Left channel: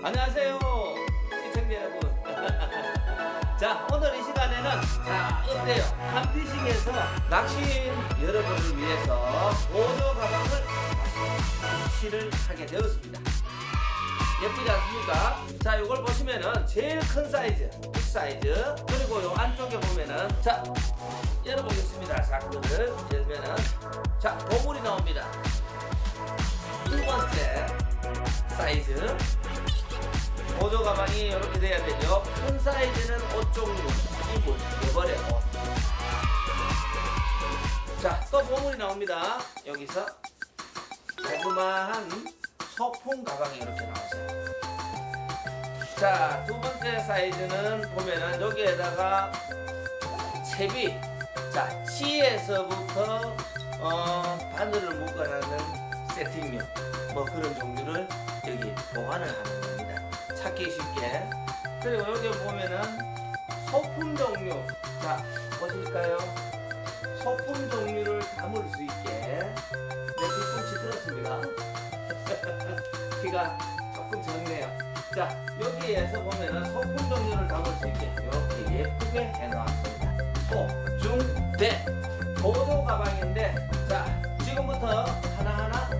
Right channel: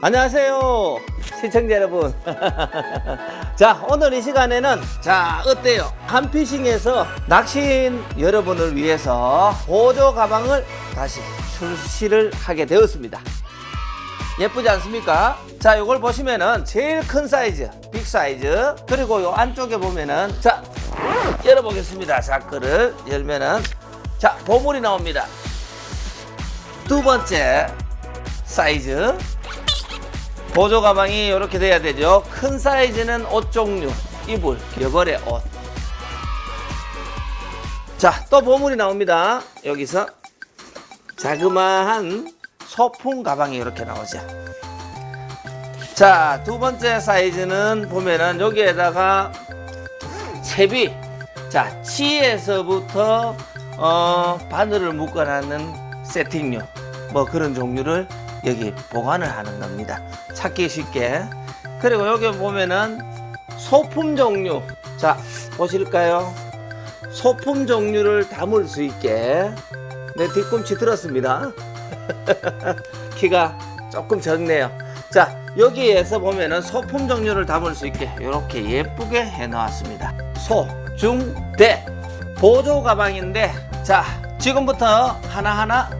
안녕하세요 시청자 여러분 자 오늘 이 시간에는 자 어때요 한피싱에서 낚시인 여러분을 위해서 보조 가방을 다시 출시를 하게 되었습니다 예쁘지 않습니까? 자, 이걸 보시면은 제일 큰 사이즈, 빅 사이즈. 그리고 요 안쪽에 보면은 자, 열어보겠습니다. 자크를 열면은 자, 보물이 나옵니다. 두 번째 사이즈. 보조 가방이 이렇게 돼야 되죠. 큰 사이즈는 옷 종류, 이불, 여벌의 옷. 자, 또 보물이 나옵니다. 여기서 자그마한 소품 가방이 이렇게 나오죠. 자, 두 번째 사이즈는 보면은 여기에다가 채비, 자, 치에서부터 어, 바늘을 묶어놨는 세팅류, 뭐 그런 종류를 여기 보관을 하는 겁니다. 찾기 쉽게. 그리고 여기 보면은 소품 종류, 자, 보실까요? 소품 종류를 담을 수 있게 내 뒤꿈치 들었습니다. 키가 조금 적네요. 자, 여기에서 보면은 소품 종류를 담을 수 있게 이렇게 예쁘게 해 놓았습니다. 소, 중, 대 보조 가방인데 자, 지금부터 하나하나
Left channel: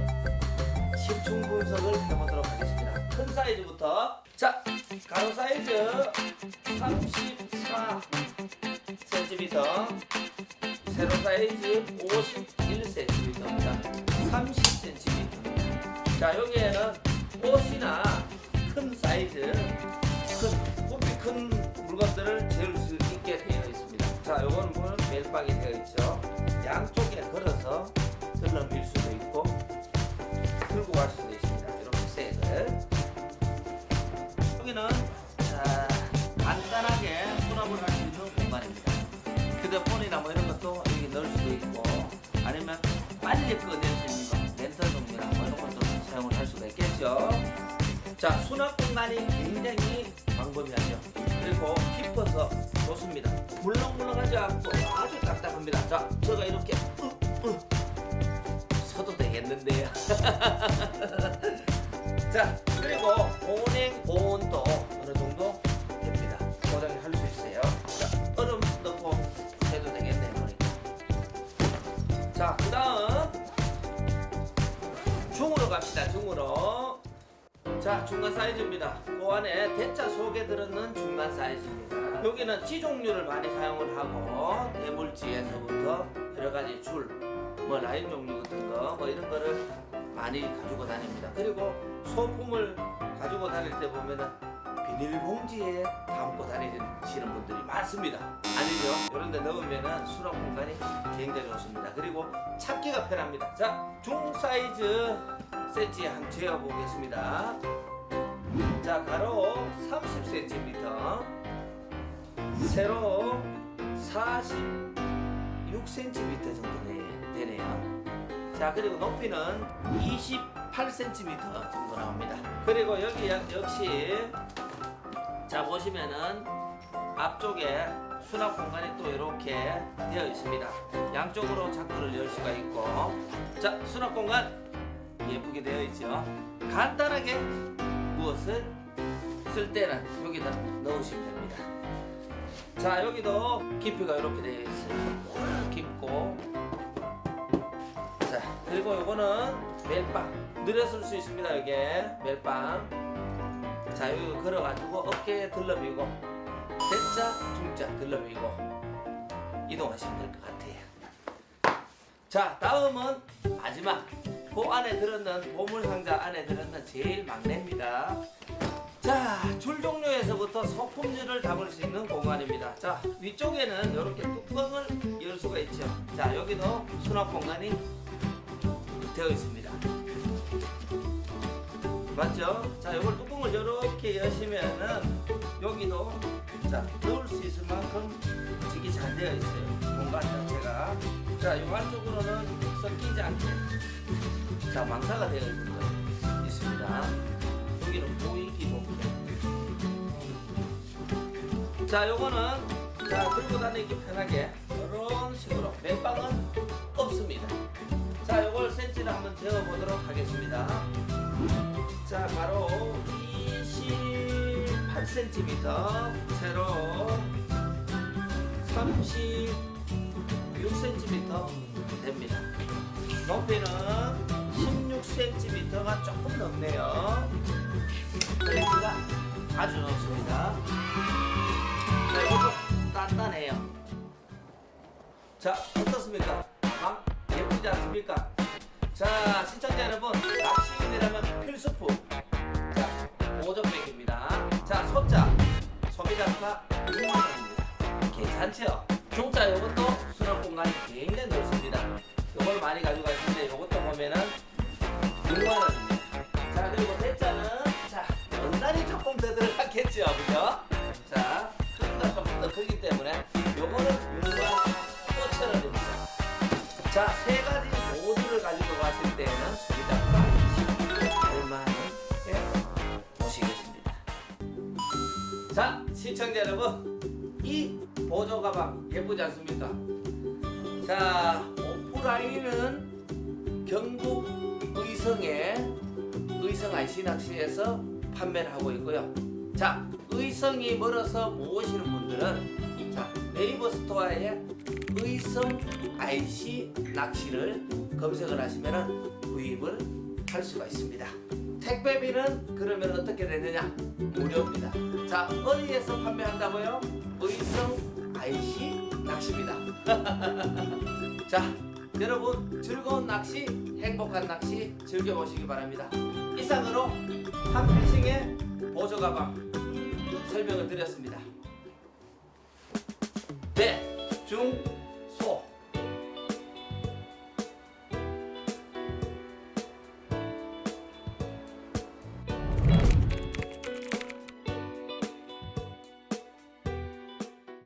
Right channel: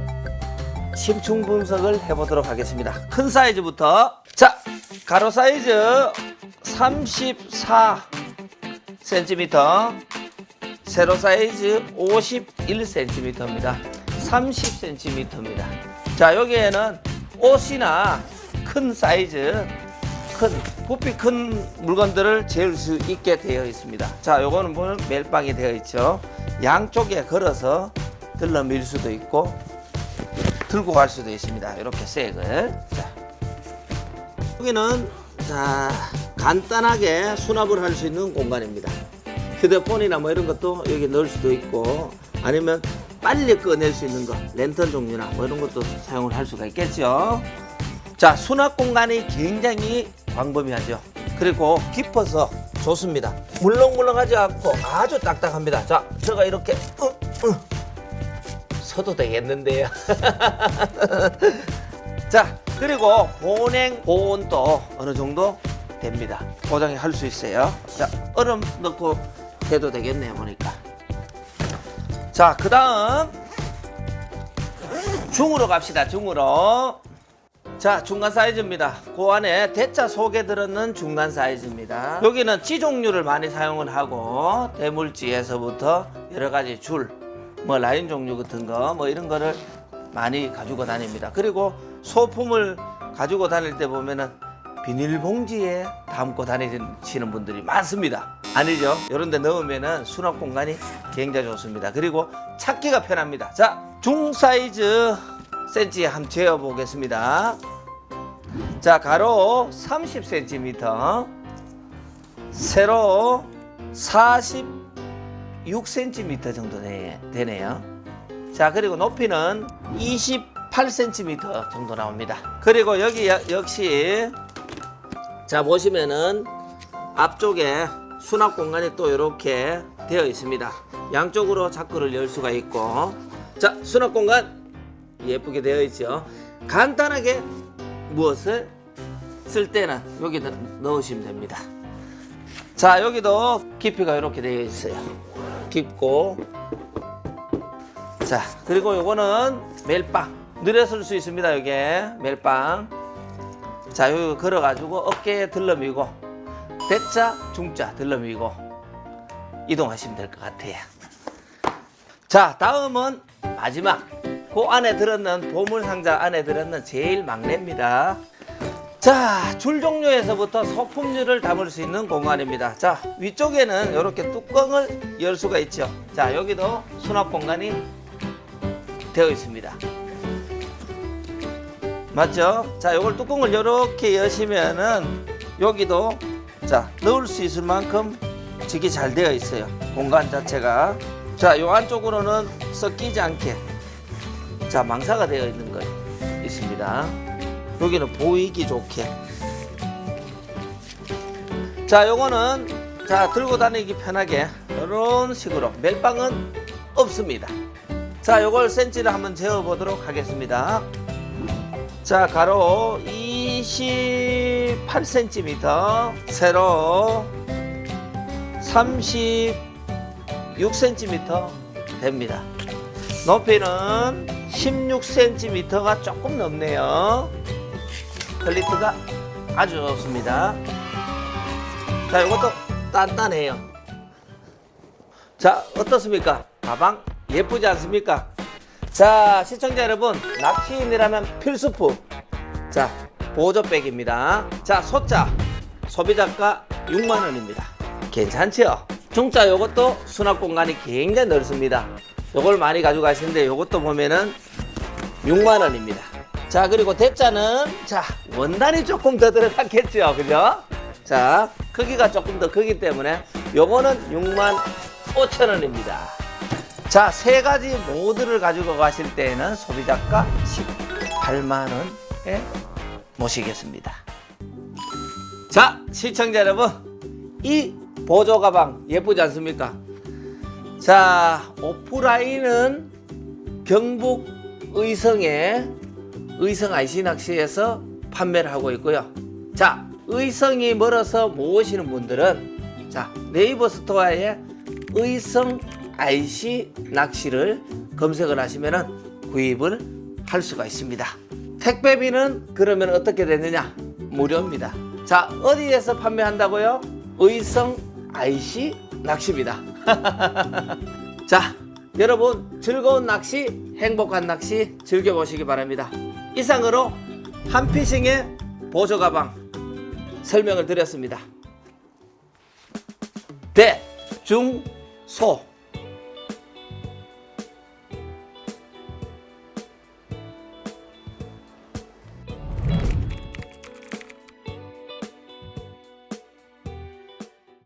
심층 분석을 해보도록 하겠습니다. 큰 사이즈부터 자, 가로 사이즈 34 cm, 세로 사이즈 51cm입니다. 30cm입니다. 자, 여기에는 옷이나 큰 사이즈, 큰, 부피 큰 물건들을 재울 수 있게 되어 있습니다. 자, 요거는 보면 멜빵이 되어 있죠. 양쪽에 걸어서 들러 밀 수도 있고, 들고 갈 수도 있습니다. 이렇게 색을. 자, 여기는, 자, 간단하게 수납을 할 수 있는 공간입니다. 휴대폰이나 뭐 이런 것도 여기 넣을 수도 있고 아니면 빨리 꺼낼 수 있는 거 랜턴 종류나 뭐 이런 것도 사용을 할 수가 있겠죠 자 수납 공간이 굉장히 광범위하죠 그리고 깊어서 좋습니다 물렁물렁하지 않고 아주 딱딱합니다 자 제가 이렇게 으, 으, 서도 되겠는데요. 자 그리고 보냉 보온도 어느 정도 됩니다. 포장이 할 수 있어요. 자 얼음 넣고 해도 되겠네요 보니까. 자 그 다음 중으로 갑시다 중으로. 자 중간 사이즈입니다. 그 안에 대자 속에 들었는 중간 사이즈입니다. 여기는 찌 종류를 많이 사용을 하고 대물찌에서부터 여러 가지 줄 뭐 라인 종류 같은 거 뭐 이런 거를 많이 가지고 다닙니다 그리고 소품을 가지고 다닐 때 보면은 비닐봉지에 담고 다니시는 분들이 많습니다. 아니죠? 이런 데 넣으면은 수납 공간이 굉장히 좋습니다. 그리고 찾기가 편합니다. 자, 중 사이즈 센치 한번 재어 보겠습니다. 자, 가로 30cm, 세로 46cm 정도 되- 되네요. 자, 그리고 높이는 28cm 정도 나옵니다. 그리고 여기 여- 역시 자 보시면은 앞쪽에 수납 공간이 또 이렇게 되어 있습니다. 양쪽으로 자크를 열 수가 있고 자 수납 공간 예쁘게 되어 있죠. 간단하게 무엇을 쓸 때는 여기다 넣으시면 됩니다. 자 여기도 깊이가 이렇게 되어 있어요. 깊고 자 그리고 요거는 멜빵 쓸수 있습니다. 이게 멜빵 자, 여기 걸어가지고 어깨에 들러미고 대자, 중자 들러미고 이동하시면 될 것 같아요. 자, 다음은 마지막. 그 안에 들었는 보물 상자 안에 들었는 제일 막내입니다. 자, 줄 종류에서부터 소품류를 담을 수 있는 공간입니다. 자, 위쪽에는 이렇게 뚜껑을 열 수가 있죠. 자, 여기도 수납 공간이 되어 있습니다. 맞죠? 자, 요걸 뚜껑을 이렇게 여시면은 여기도 자 넣을 수 있을 만큼 직이 잘 되어 있어요. 공간 자체가 자, 요 안쪽으로는 섞이지 않게 자 망사가 되어 있는 거 있습니다. 여기는 보이기 좋게 자, 요거는 자 들고 다니기 편하게 이런 식으로 멜빵은 없습니다. 자, 요걸 센치를 한번 재어 보도록 하겠습니다. 자, 가로 20 38cm, 세로 36cm 됩니다. 높이는 16cm가 조금 넘네요. 퀄리티가 아주 좋습니다. 자, 이것도 단단해요. 자, 어떻습니까? 가방 예쁘지 않습니까? 자, 시청자 여러분, 낚시인이라면 필수품. 자, 보조백입니다. 자, 소자 소비자가 6만 원입니다. 괜찮죠? 중자 요것도 수납 공간이 굉장히 넓습니다. 요걸 많이 가져가시는데 요것도 보면은 6만 원입니다. 자, 그리고 대자는 자, 원단이 조금 더 들어갔겠죠. 그죠? 자, 크기가 조금 더 크기 때문에 요거는 6만 5천 원입니다. 자, 세 가지 모두를 가지고 가실 때에는 소비자가 18만 원에 모시겠습니다. 자, 시청자 여러분, 이 보조 가방 예쁘지 않습니까? 자, 오프라인은 경북 의성의 의성 IC 낚시에서 판매를 하고 있고요. 자, 의성이 멀어서 못 오시는 분들은 자, 네이버 스토어에 의성 IC 낚시를 검색을 하시면 구입을 할 수가 있습니다. 택배비는 그러면 어떻게 되느냐? 무료입니다. 자, 어디에서 판매한다고요? 의성 IC 낚시입니다. 자, 여러분 즐거운 낚시, 행복한 낚시 즐겨보시기 바랍니다. 이상으로 한피싱의 보조 가방 설명을 드렸습니다. 대, 중, 소